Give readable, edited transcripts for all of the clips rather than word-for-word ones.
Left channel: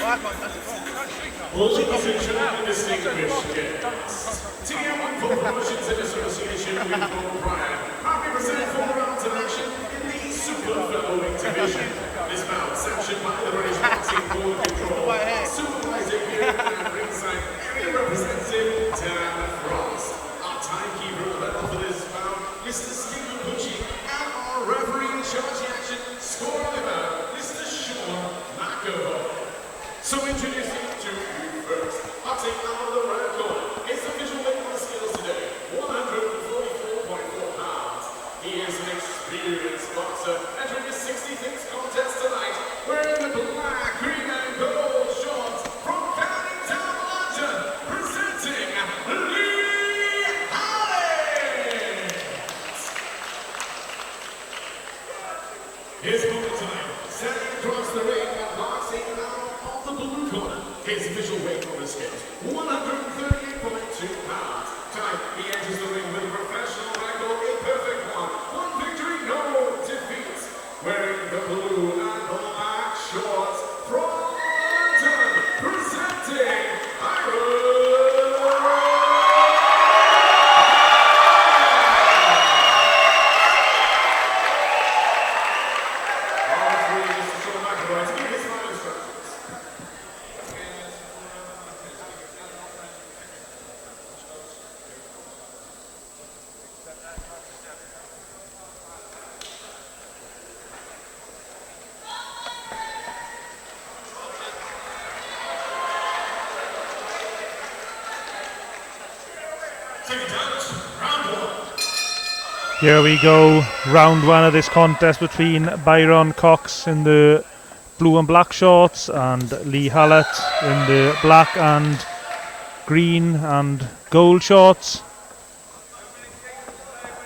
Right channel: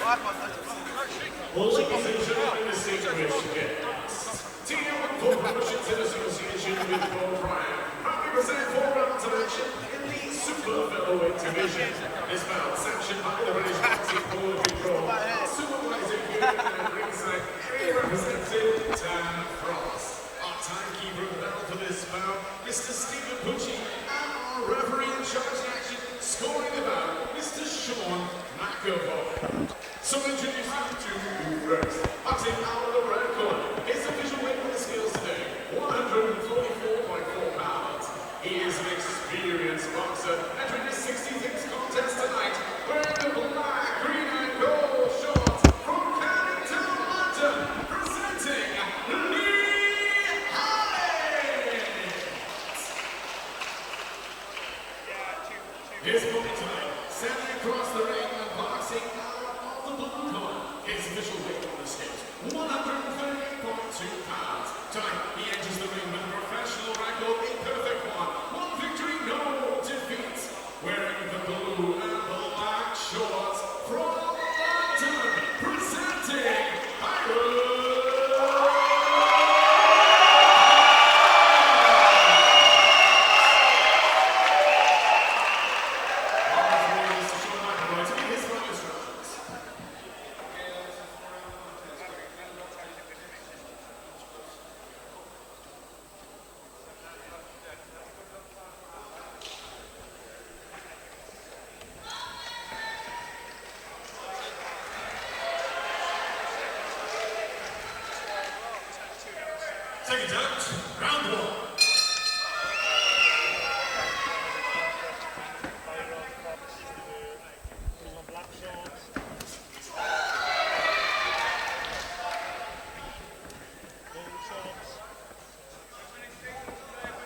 Ladies and gentlemen, distinguished guests, TM14 in association with Bob Bryan, happy to present 4 rounds of action in the super featherweight division. This bout sanctioned by the British Boxing Board Control. Supervisor here at ringside, representing Dan France. Our timekeeper level for this bout, Mr. Stephen Gucci, and our referee in charge of the action, scoring the bout, Mr. Sean McAvoy. So introducing to you first, I'll take out of the red corner. His official weight for the scales today, 144.4 pounds. He is an experienced boxer, entering his 66th contest tonight, wearing the black, green, and gold shorts from Canada, London, presenting Lee Hallett. His opponent tonight, standing across the ring and boxing out of the blue corner. His official weight on the scales, 138.2 pounds. Tonight, he enters the ring with a professional record, a perfect one. One victory, no defeats. Wearing the blue and black shorts from London, presenting Byron. Here we go, round 1 of this contest between Byron Cox in the blue and black shorts and Lee Hallett in the black and green and gold shorts.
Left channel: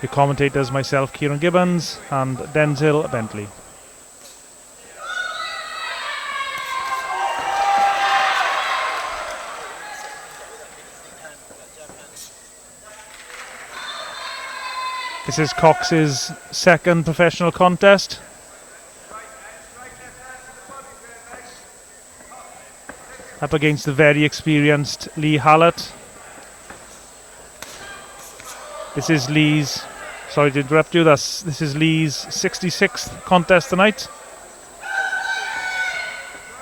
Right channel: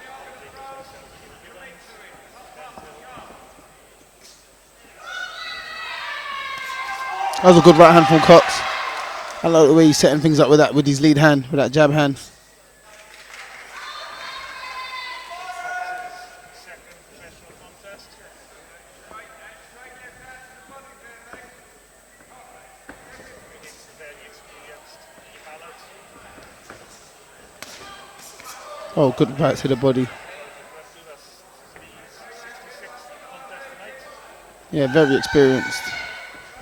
The commentators, myself, Ciaran Gibbons, and Denzel, Bentley. That was a good right hand from Cox. I like the way he's setting things up with that, with his lead hand, with that jab hand. This is Cox's second professional contest. Up against the very experienced Lee Hallett. This is Lee's. To the body. Sorry to interrupt you. This is Lee's 66th contest tonight. Yeah, very experienced.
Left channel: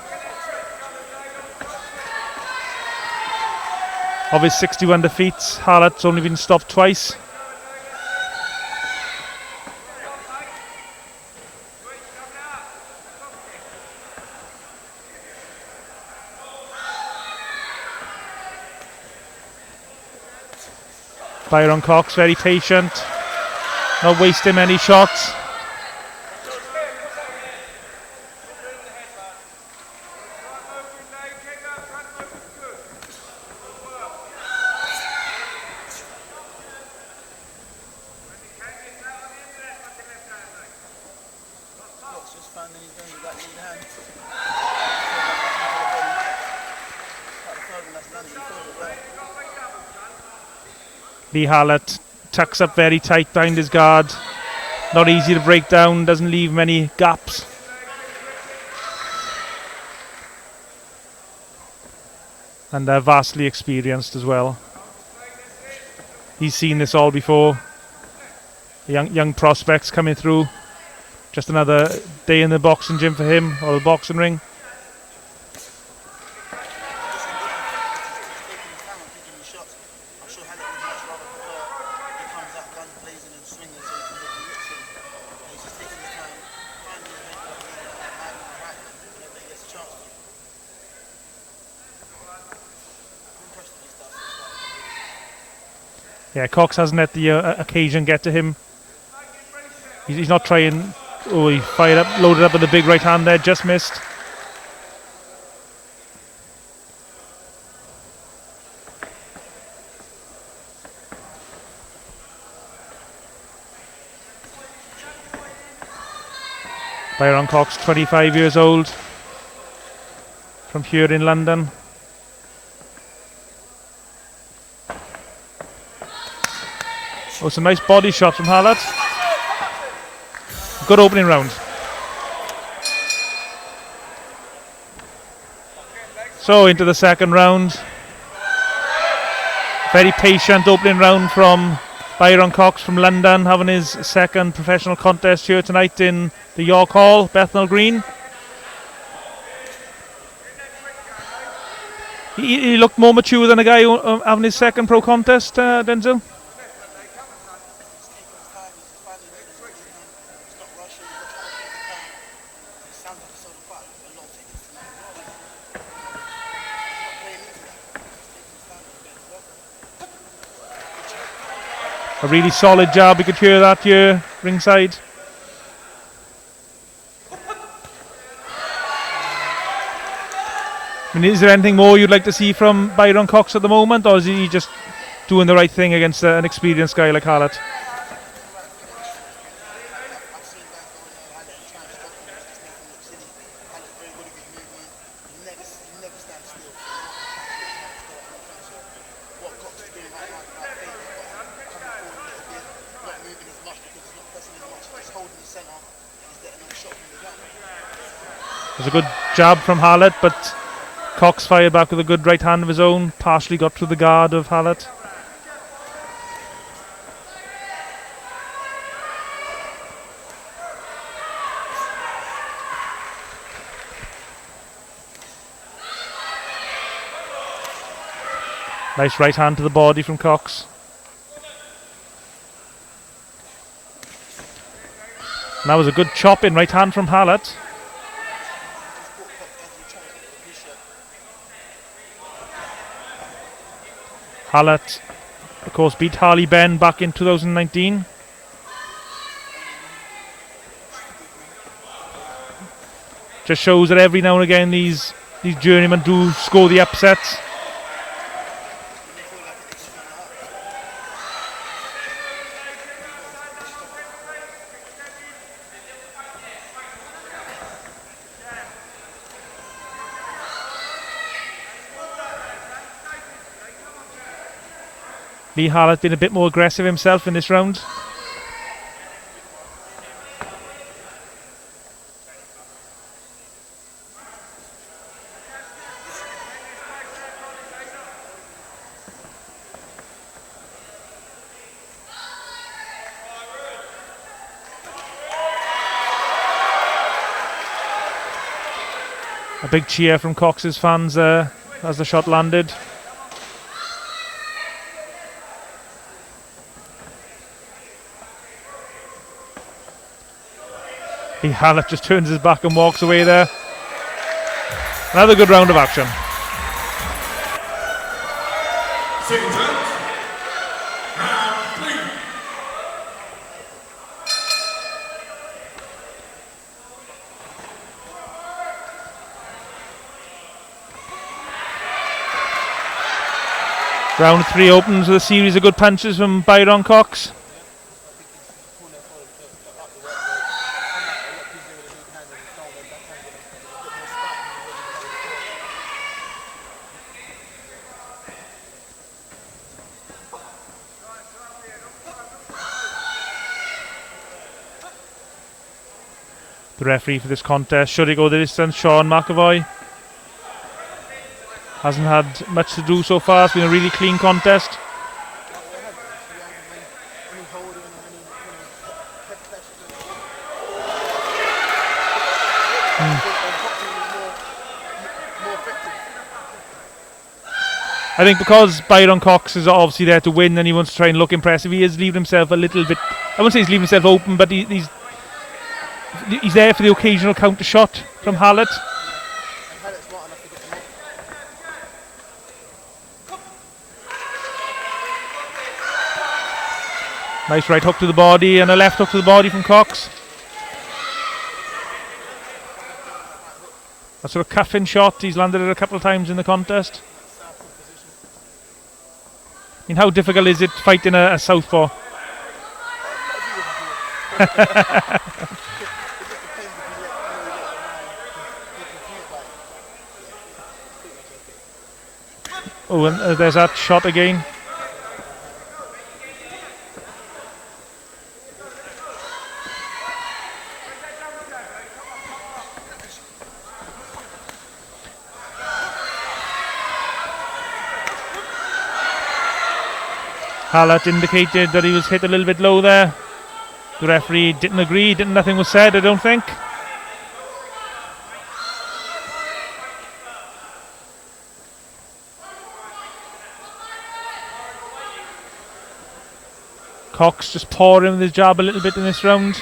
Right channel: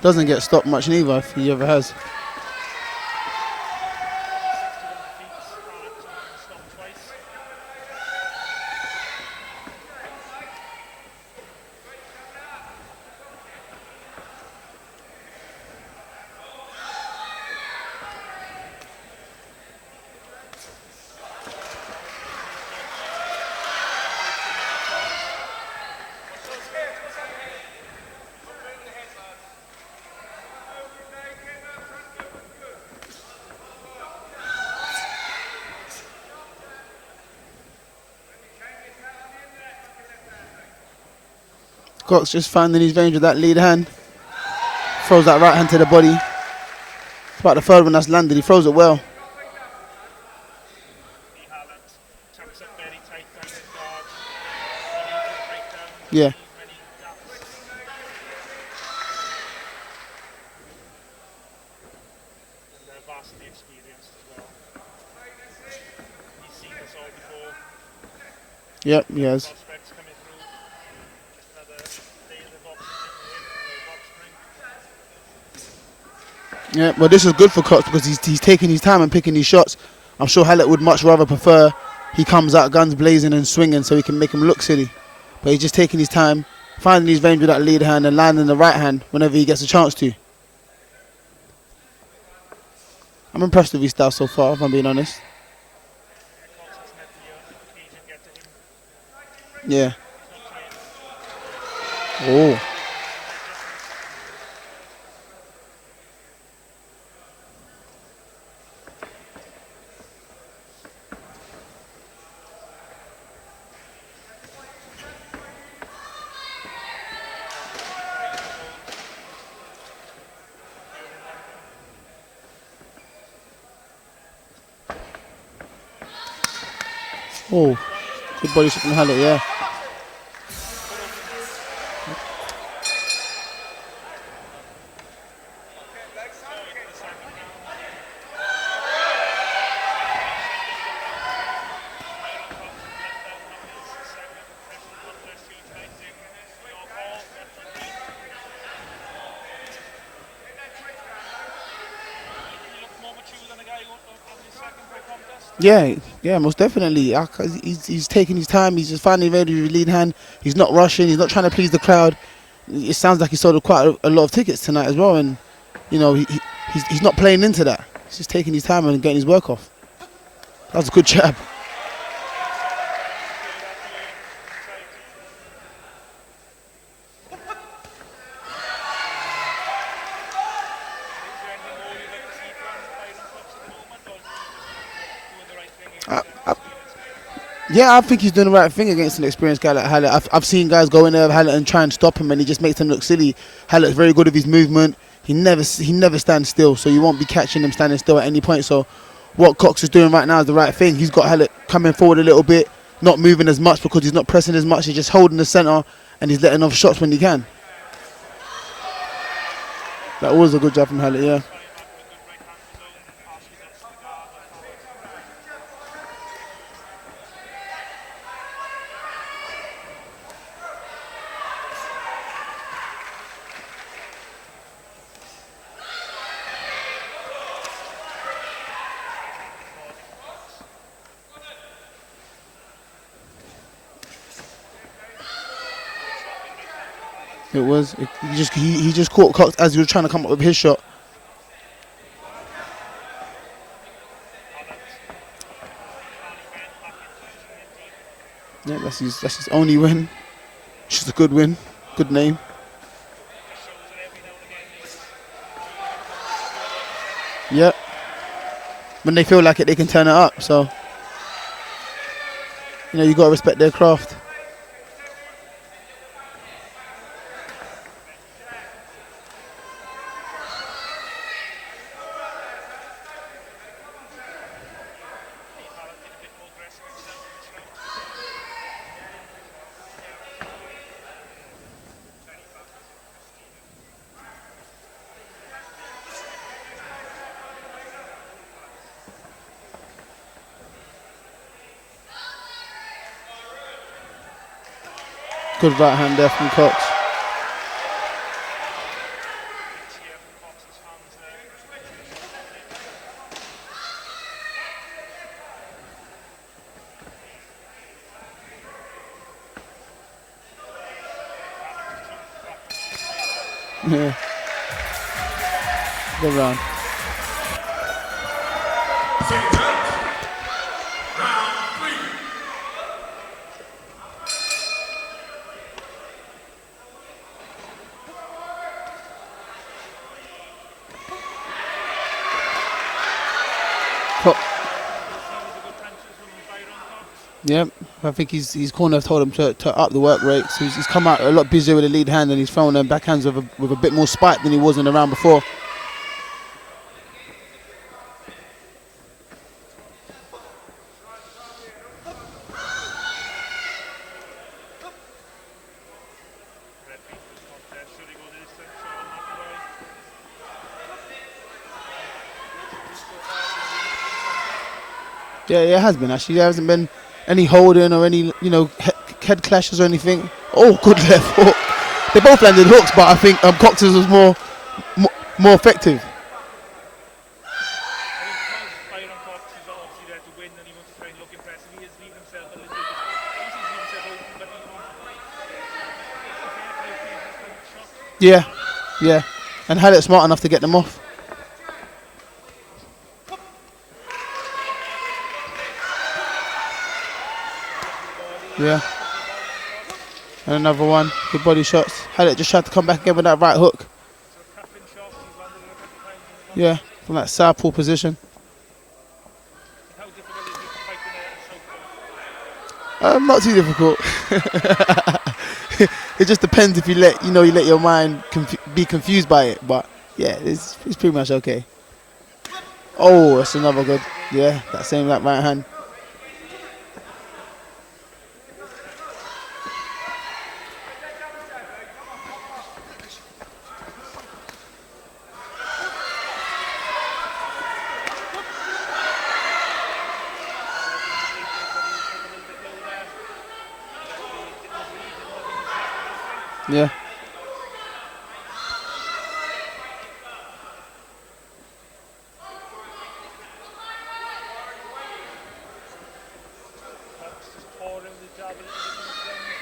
Doesn't get stopped much neither, if he ever has. Of his 61 defeats, Hallett's only been stopped twice. Byron Cox very patient, not wasting many shots. Cox just finding his range with that lead hand. Throws that right hand to the body. About the third one that's landed, he throws it well. Lee Hallett tucks up very tight behind his guard. Not easy to break down, doesn't leave many gaps. And they're vastly experienced as well. He's seen this all before. Young prospects coming through. Just another day in the boxing gym for him, or the boxing ring. Yeah, well, this is good for Cox because he's taking his time and picking his shots. I'm sure Hallett would much rather prefer he comes out guns blazing and swinging so he can make him look silly. But he's just taking his time, finding his range with that lead hand and landing the right hand whenever he gets a chance to. I'm impressed with his style so far, if I'm being honest. Yeah, Cox hasn't let the occasion get to him. Yeah. He's not trying. Oh, he fired up, loaded up with a big right hand there, just missed. Byron Cox, 25 years old, from here in London. Oh, some nice body shots from Hallett. Yeah. Good opening round. So into the second round. Very patient opening round from Byron Cox from London, having his second professional contest here tonight in the York Hall, Bethnal Green. He looked more mature than a guy having his second pro contest, Denzel? Yeah, most definitely. He's taking his time. He's just finally ready with his lead hand. He's not rushing. He's not trying to please the crowd. It sounds like he sold quite a lot of tickets tonight as well. And, you know, he's not playing into that. He's just taking his time and getting his work off. That was a good jab. A really solid jab. You could hear that here ringside. I mean, is there anything more you'd like to see from Byron Cox at the moment, or is he just doing the right thing against an experienced guy like Hallett? Yeah, I think he's doing the right thing against an experienced guy like Hallett. I've seen guys go in there with Hallett and try and stop him, and he just makes them look silly. Hallett's very good with his movement. He never stands still, so you won't be catching him standing still at any point. So what Cox is doing right now is the right thing. He's got Hallett coming forward a little bit, not moving as much because he's not pressing as much. He's just holding the centre, and he's letting off shots when he can. It was a good jab from Hallett, but that was a good jab from Hallett. Cox fired back with a good right hand of his own, partially got through the guard of Hallett. Nice right hand to the body from Cox. And that was a good chop in right hand from Hallett. It was. He just caught Cox as he was trying to come up with his shot. Hallett, of course, beat Harley Ben back in 2019. Yeah, that's his only win. Which is a good win. Good name. Just shows that every now and again these journeymen do score the upsets. Yeah. When they feel like it, they can turn it up. So, you know, you got to respect their craft. Lee Hallett been a bit more aggressive himself in this round. Good right hand there from Cox. A big cheer from Cox's fans there as the shot landed. Hallett just turns his back and walks away there. Yeah. Another good round of action. Good round. Round 3 opens with a series of good punches from Byron Cox. Yep. I think his corner have told him to up the work rate. So he's come out a lot busier with the lead hand, and he's thrown them backhands with a bit more spike than he was in the round before. The referee for this contest, should he go the distance, Sean McAvoy. Hasn't had much to do so far. It's been a really clean contest. Yeah, it has been actually. There hasn't been any holding or any, head clashes or anything. Oh, good left hook. They both landed hooks, but I think Cox's was more effective. I think because Byron Cox is obviously there to win and he wants to try and look impressive, he is leaving himself a little bit, I wouldn't say he's leaving himself open, but he's there for the occasional counter shot from Hallett. Yeah, and Hallett's smart enough to get them off. Nice right hook to the body and a left hook to the body from Cox. And another one, good body shots. Hallett just tried to come back again with that right hook. A sort of cuffing shot, he's landed it a couple of times in the contest. Yeah, from that southpaw position. I mean, how difficult is it fighting a southpaw? Not too difficult. It just depends if you let your mind be confused by it. But yeah, it's pretty much okay. Oh, there's that shot again. Yeah, that right hand. Hallett indicated that he was hit a little bit low there. The referee didn't agree, nothing was said, I don't think. Yeah. Cox just pouring with his jab a little bit in this round.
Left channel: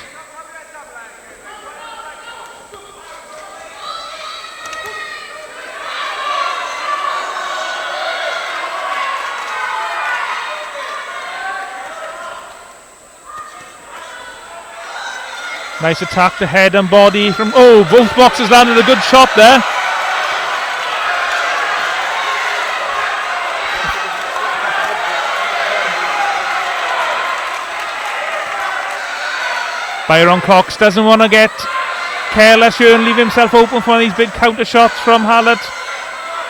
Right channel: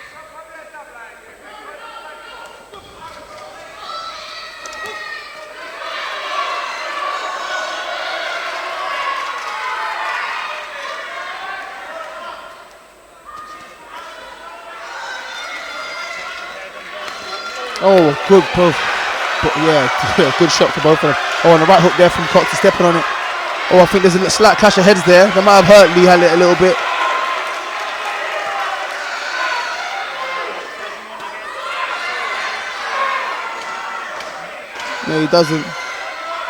Nice attack to head and body from... both boxers landed a good shot there. Yeah, good shot to both of them. And the right hook there from Cox stepping on it. I think there's a slight clash of heads there. That might have hurt Lee Hallett a little bit. Byron Cox doesn't want to get careless here and leave himself open for these big counter shots from Hallett.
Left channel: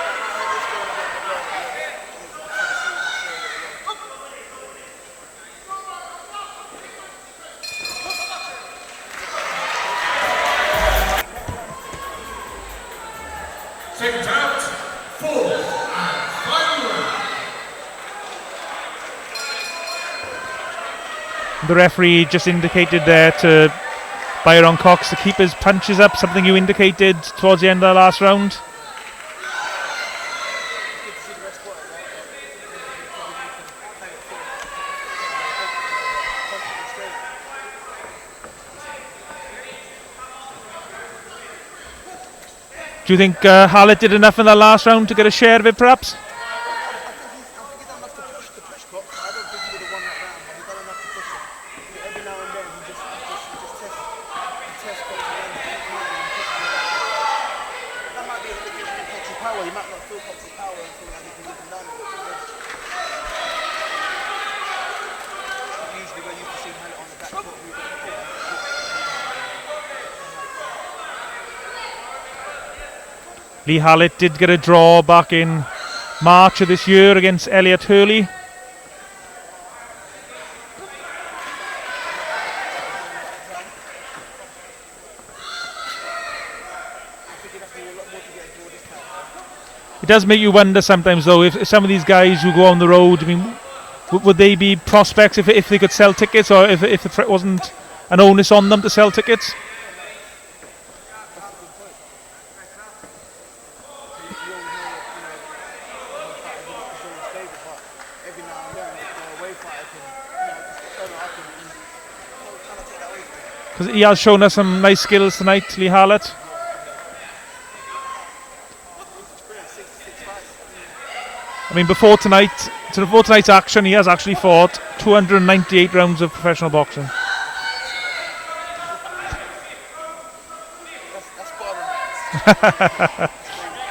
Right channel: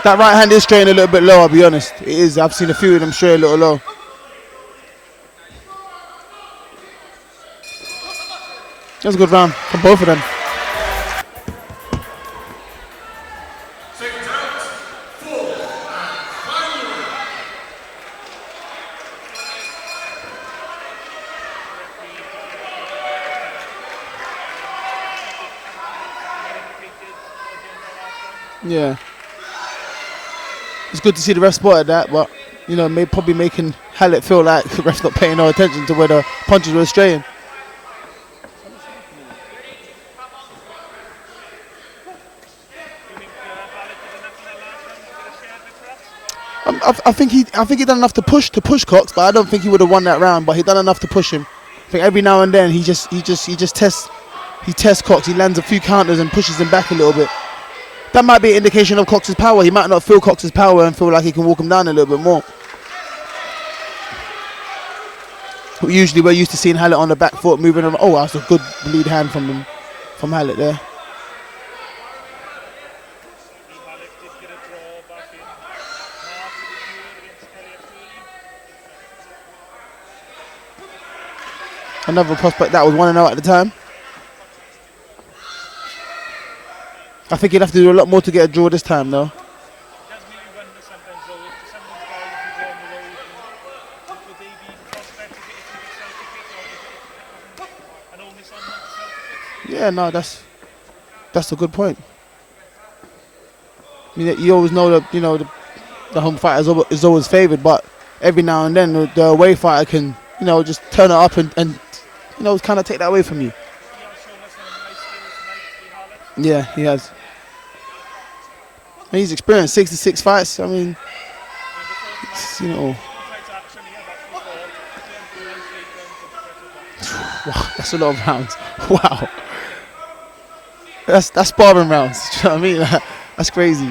That right hand is straight a little bit low, I'll be honest. It is. I've seen a few of them straight a little low. That's a good round from both of them. Second out, 4 and final. The referee just indicated there to Byron Cox to keep his punches up, something you indicated towards the end of the last round. Yeah. It's good to see the ref spotted that, but, you know, probably making Hallett feel like the ref's not paying no attention to where the punches were straying. Do you think Hallett did enough in the last round to get a share of it, perhaps? I think he done enough to push Cox, but I don't think he would have won that round. But he done enough to push him. I think every now and then he tests Cox. He lands a few counters and pushes him back a little bit. That might be an indication of Cox's power. He might not feel Cox's power and feel like he can walk him down a little bit more. Usually we're used to seeing Hallett on the back foot moving around. Oh, that's a good lead hand from Hallett there. Lee Hallett did get a draw back in March of this year against Elliot Hurley. Another prospect that was 1-0 at the time. I think he'd have to do a lot more to get a draw this time, though. It does make you wonder sometimes, though, if some of these guys who go on the road, I mean, would they be prospects if they could sell tickets, or if it wasn't an onus on them to sell tickets? Yeah, no, that's a good point. I mean, you always know that, you know, the home fighter is always favoured, but every now and then the away fighter can, you know, just turn it up and you know, kind of take that away from you. Because he has shown us some nice skills tonight, Lee Hallett. Yeah, he has. I mean, he's experienced 66 fights. I mean, before tonight, you know, before tonight's action, he has actually fought 298 rounds of professional boxing. Wow, that's a lot of rounds. Wow. That's sparring rounds. Do you know what I mean? That's crazy.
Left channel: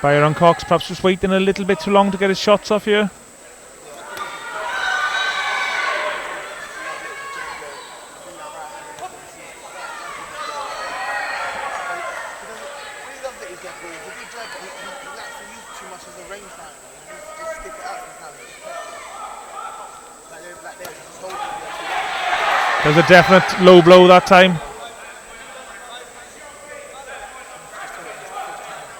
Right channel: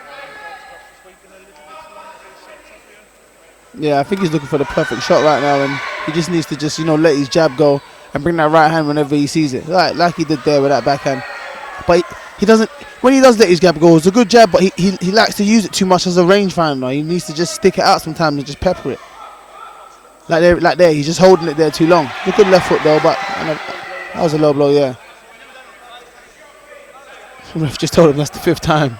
Byron Cox perhaps just waiting a little bit too long to get his shots off here. Yeah, I think he's looking for the perfect shot right now, and he just needs to just, you know, let his jab go and bring that right hand whenever he sees it, like he did there with that backhand. But he doesn't. When he does let his jab go, it's a good jab, but he likes to use it too much as a rangefinder. He needs to just stick it out sometimes and just pepper it. Like there, he's just holding it there too long. A good left foot though. A definite low blow that time. A low blow, yeah. The ref just told him that's the 5th time.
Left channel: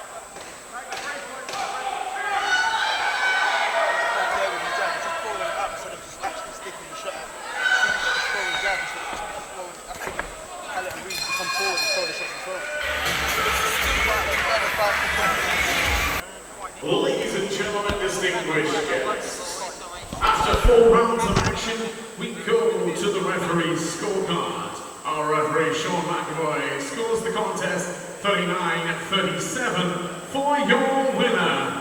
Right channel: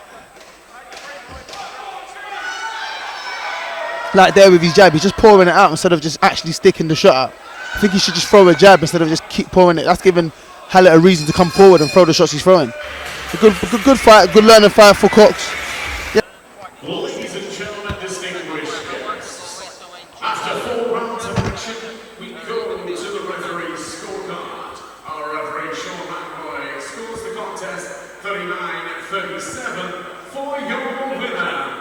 Like there with his jab, he's just pouring it out instead of just actually sticking the shot out. I think he should just throw a jab instead of just keep pouring it. That's giving Hallett a reason to come forward and throw the shots he's throwing. A good fight, good learning fight for Cox. Yeah. Ladies and gentlemen, distinguished guests, after 4 rounds of action, we go to the referee's scorecard. Our referee, Sean McAvoy, scores the contest 39-37 for your winner.